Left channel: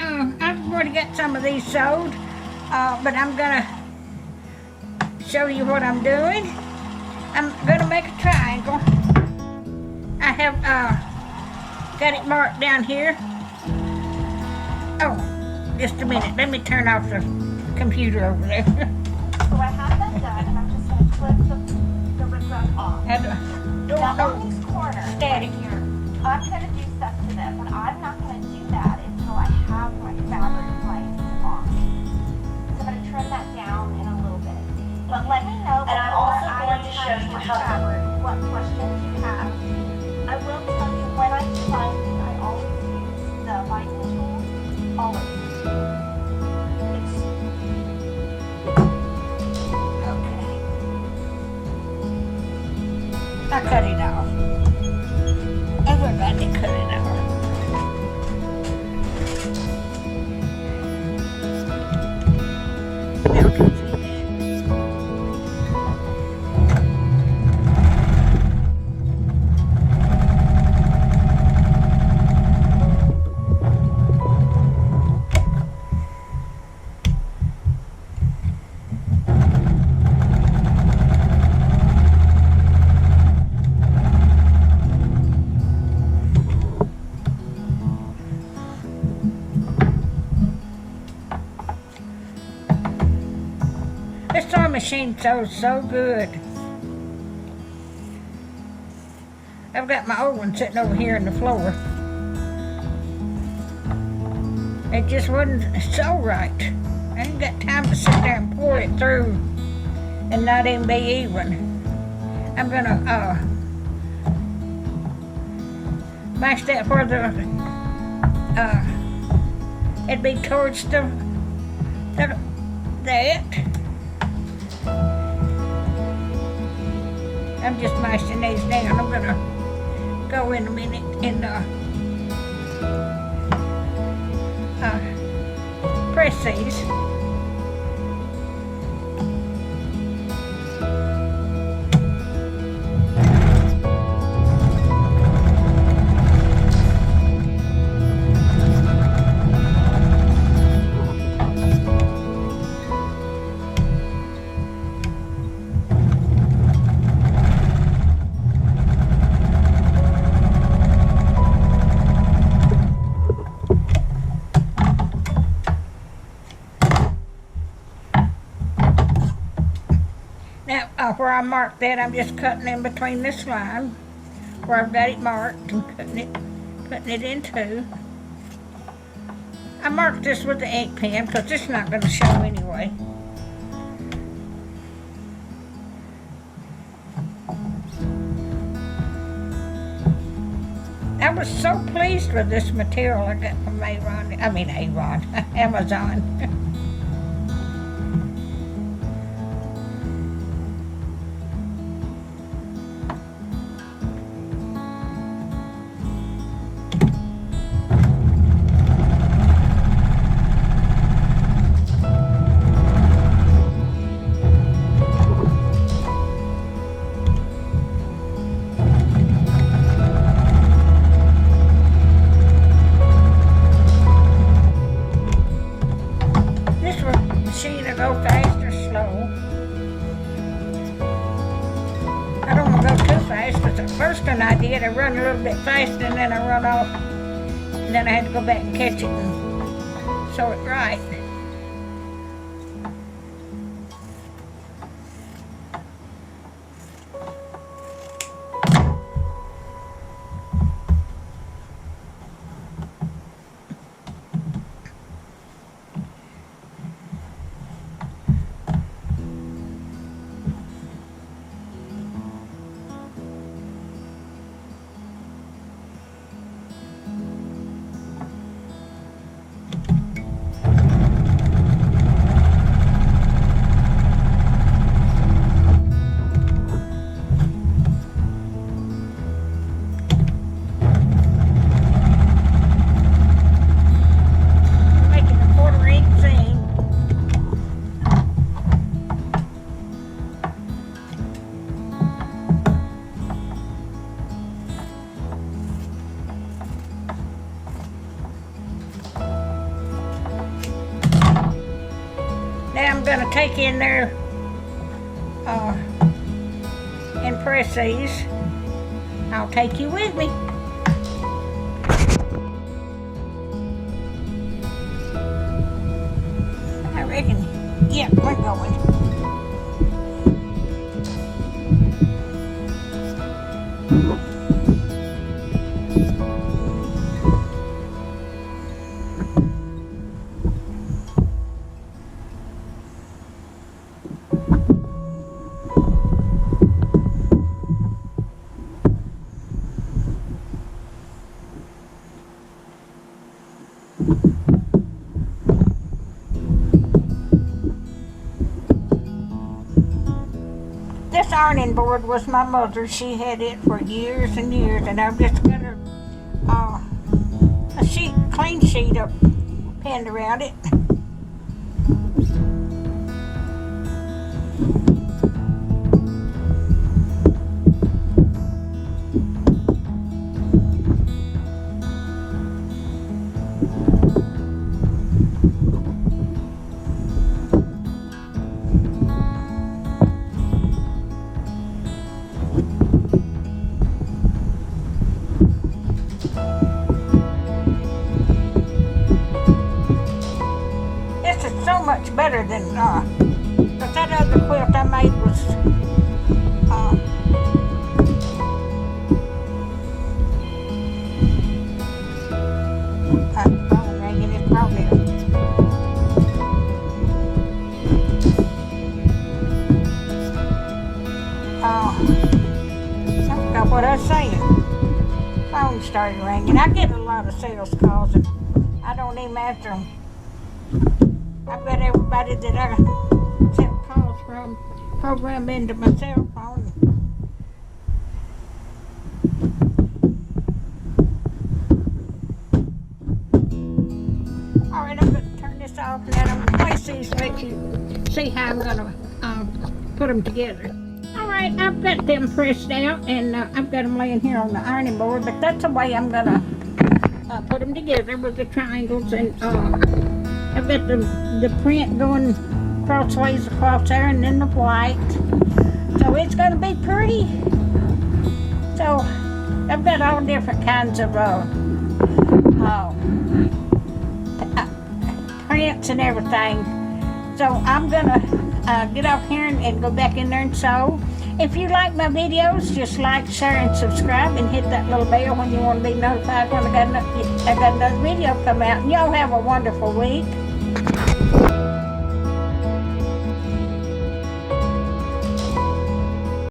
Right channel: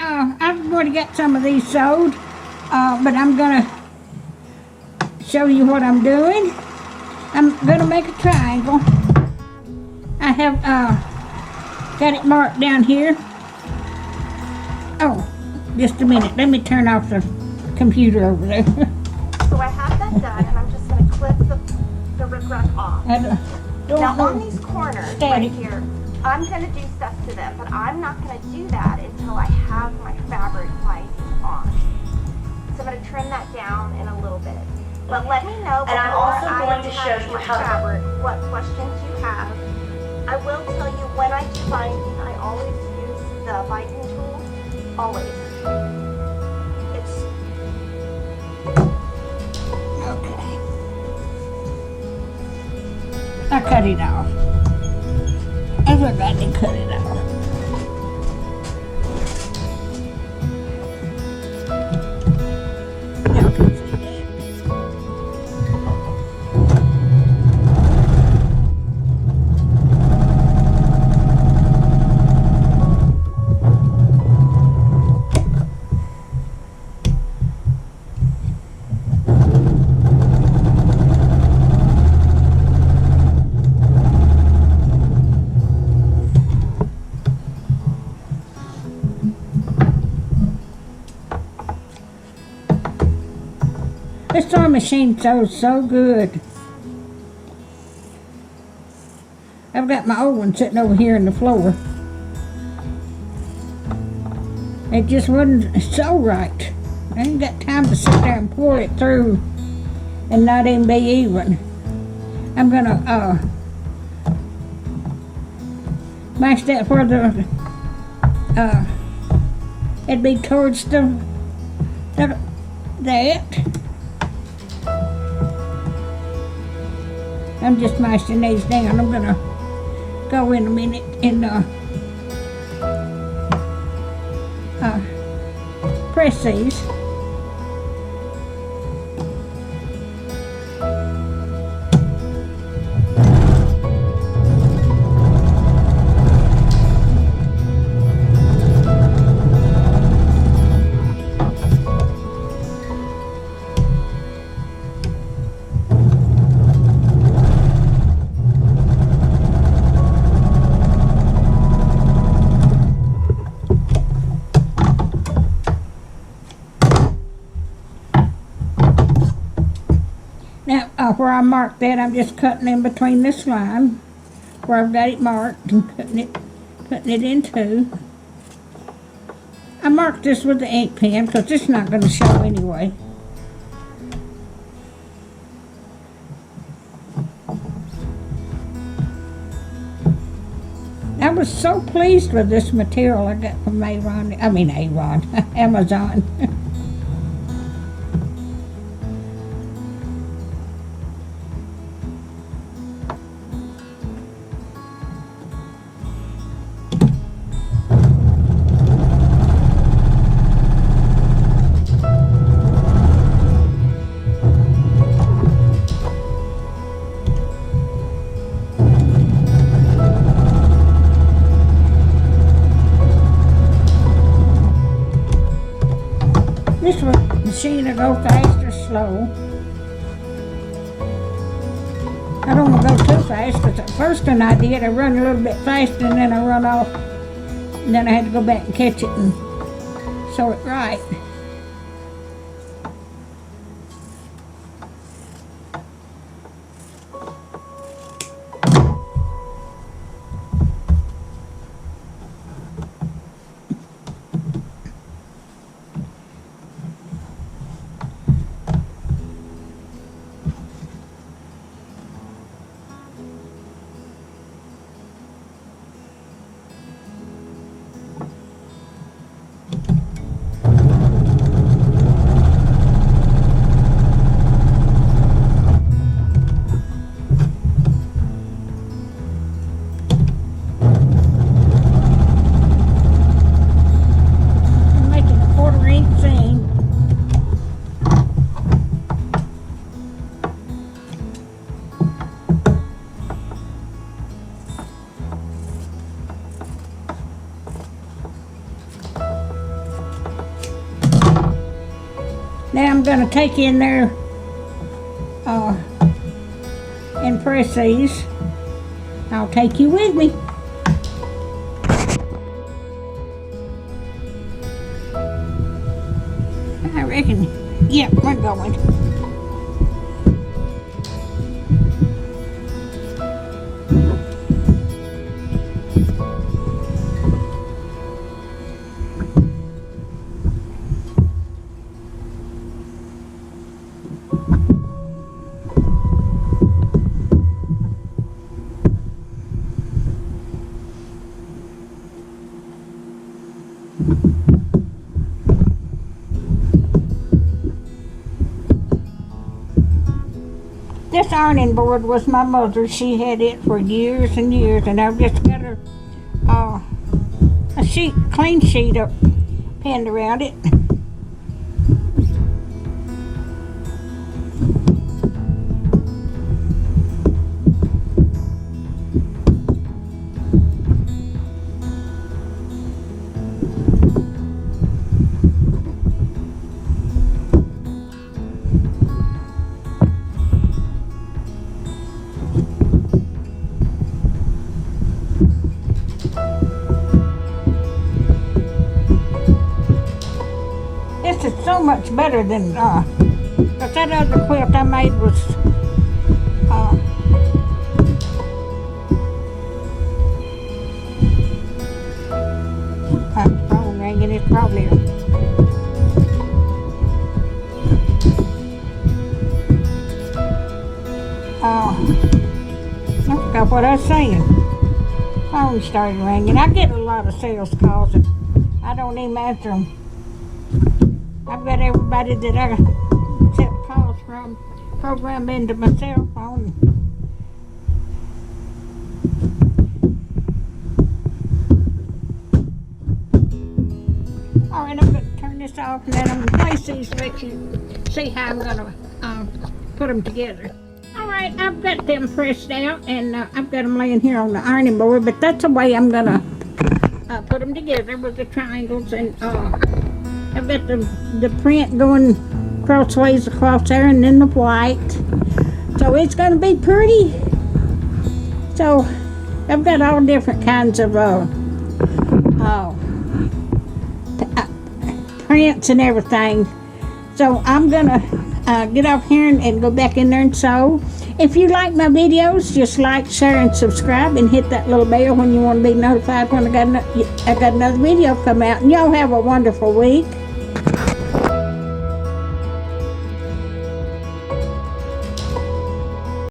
Alright, I've already got some of these sewed, but I'm gonna show you what I'm doing. I'm gonna make a triangle. I have got it marked down here. Oh, just a minute. Let me turn off the computer over there. So I have that done, and I'm just gonna clip the riprap off. I don't Now know. on these corners Static. right here, I'm gonna do stuff to them, but I'm not gonna do that until I have my fabric lines on. So I'm gonna trim that down in a little bit. But let me know. And I'm before also I going to show touch you the how to- fabric, what questions you have. I will tell you when I do binding, I always use the binding tool. Always. It's Okay. I cut it off. Everybody cut it off. Now can see that. This sewing machine sews so good. I've got my old one sitting over here on the floor. It just wouldn't sew right. I ain't got time to sit there and pour it through and not even be even. I'm gonna mash that where the it'd be towards the that. I'm just mashing these down. I'm gonna go in a minute and press these. Now, where I marked that, I'm just cutting in between this line where I've got it marked and putting it in two. I marked this with the ink pen because it's not going to show anyway. I was so pleased with this material I got from Amazon. This machine will go fast or slow. I don't want to go too fast because the first one I did, I run a little bit fast and then I run off. And then I had to go back and catch it and sew it right. gonna take in there and press these. I'll take you with me. I reckon, yeah, we're going. This ironing board was my mother's. She had it for years and years, and I've just got her a sheet, clean sheet up pinned around it. This is so much better than but that other quilt I made was phone ringing. It's probably I forgot what I was saying. Phone started ringing. I get a lot of sales calls and I don't even answer them. I've got everybody that I accept calls from programmed into my cell phone. All right, I'm going to turn this off and then I'm going to place these to let you see how I'm going to put them together. All right, I've got them pressed out and I've got them laying here on the ironing board, but that's the way I'm going to put them together with the triangles, and I've got the print going crossways across there and then the white. So it's going to be pretty. So I've got all different kinds of prints and everything. So I'm going to get off here and go back in there and sew. If you like my videos, just like, share, and subscribe, and hit that little bell when you want to be notified when I got another video come out. And y'all have a wonderful week.